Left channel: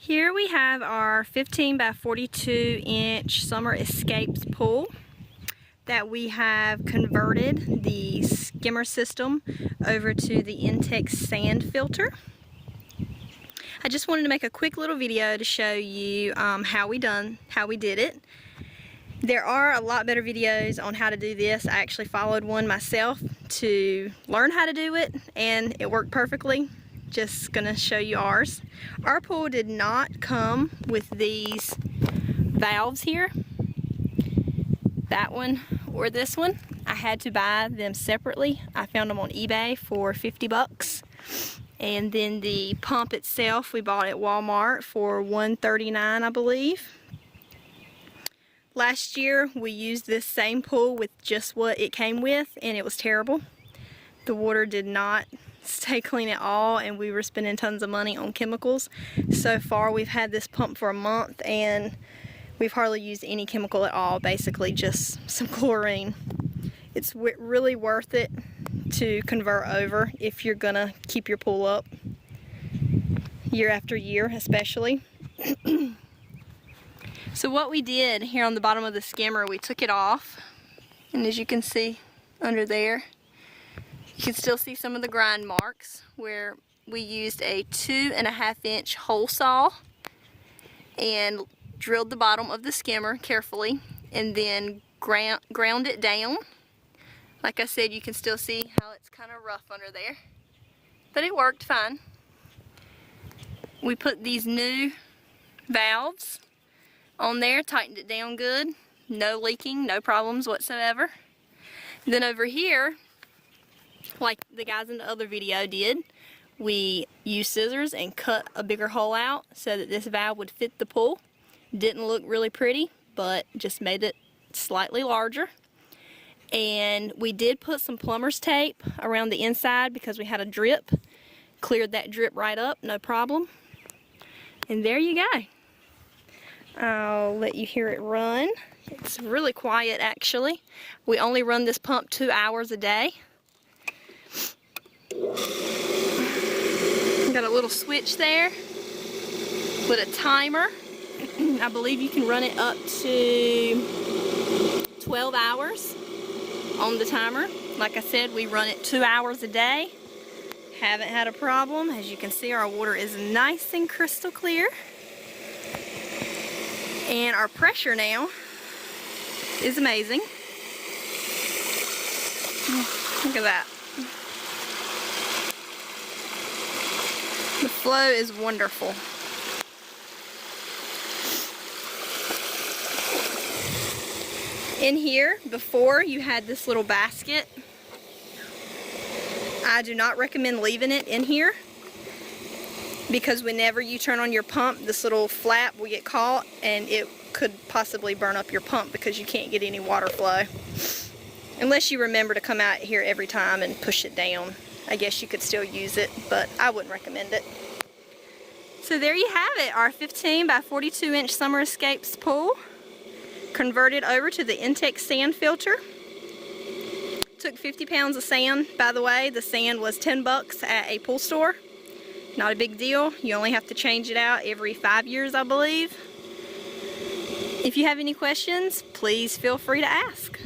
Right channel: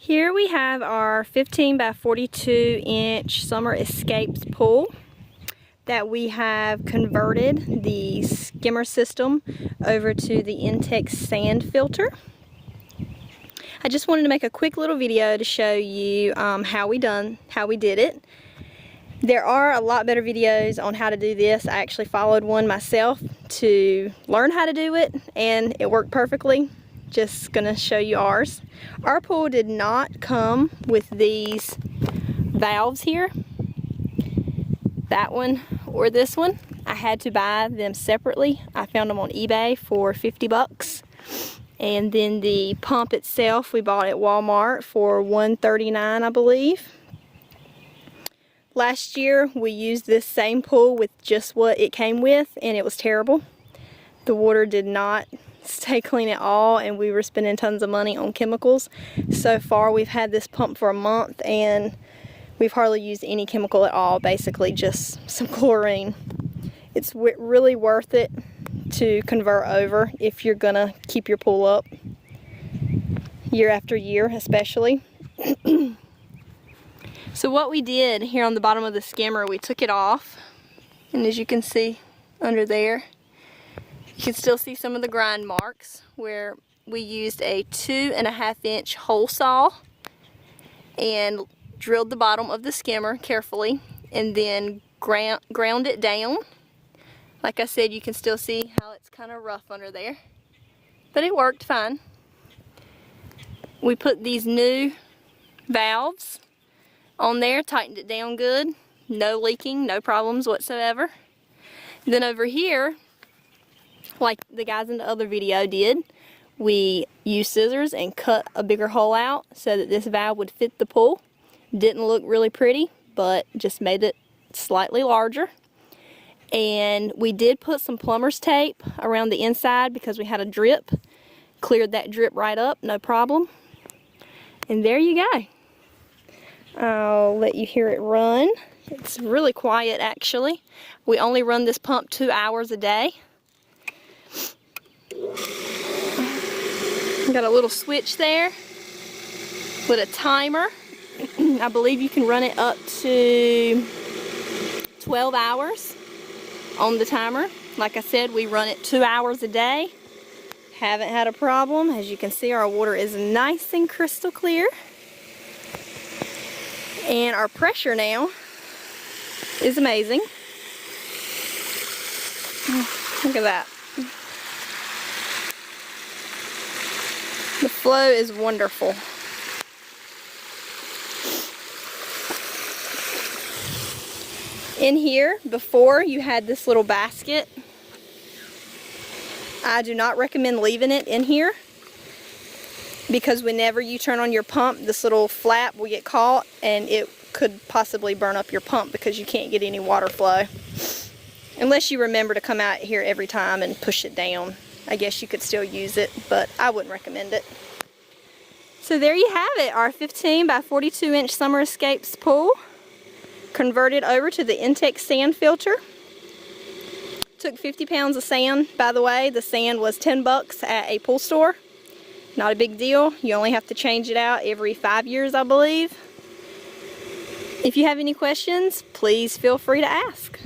Here we have our 15 by 42 inch Summer Escapes pool that we have converted the skimmer system over to the Intex sand filter. I just wanted to make a quick little video to show you how we did it. There are a lot better videos on how to do this. I actually followed one myself to learn how to do it, and it worked perfectly. Just gonna show you ours. Our pool did not come with these valves here, that one or this one. I had to buy them separately. I found them on eBay for 50 bucks. And then the pump itself we bought at Walmart for $139, I believe. Last year we used this same pool with just what it came with, and it was terrible. The water did not stay clean at all, and we were spending tons of money on chemicals. So far we've had this pump for a month and we've hardly used any chemical at all, basically just some chlorine. It's really worth it to convert over if you're gonna keep your pool up year after year, especially. So what we did here on the bottom of the skimmer, we took it off, and as you can see under there, you can still see some of the grind marks where we used a 2.5 inch hole saw and drilled the bottom of the skimmer carefully and then ground it down. Like I said, you can still see how it's kind of rough under there, but it worked fine. We put these new valves on there, tightened it down good, no leaking, no problems whatsoever. Then over here, like the guys in the other video did, we used scissors and cut a bigger hole out so that this valve would fit the pool. Didn't look really pretty, but just made it slightly larger. And we did put some plumber's tape around the inside because we had a drip. Cleared that drip right up, no problem. And there you go. I'll let you hear it run. It's really quiet actually. We only run this pump 2 hours a day. Got a little switch there with a timer. I believe you can run it up to 12 hours on the timer. Like I said, we run it 2 hours a day. Haven't had a problem. As you can see, our water is nice and crystal clear. And our pressure now is amazing. Look at that. The flow is wonderful. In here, before you had this little basket. I do not recommend leaving it in here because whenever you turn on your pump, this little flap will get caught and it could possibly burn up your pump because you can't get any water flow. Unless you remember to come out here every time and push it down. I guess you could still use it, but I wouldn't recommend it. So there you have it, our 15 by 42 inch Summer Escapes pool, converted over to the Intex sand filter. Took 50 pounds of sand, by the way. The sand was 10 bucks at a pool store. Not a big deal. You only have to change it out every 5 years, I believe. If you have any questions, please feel free to ask.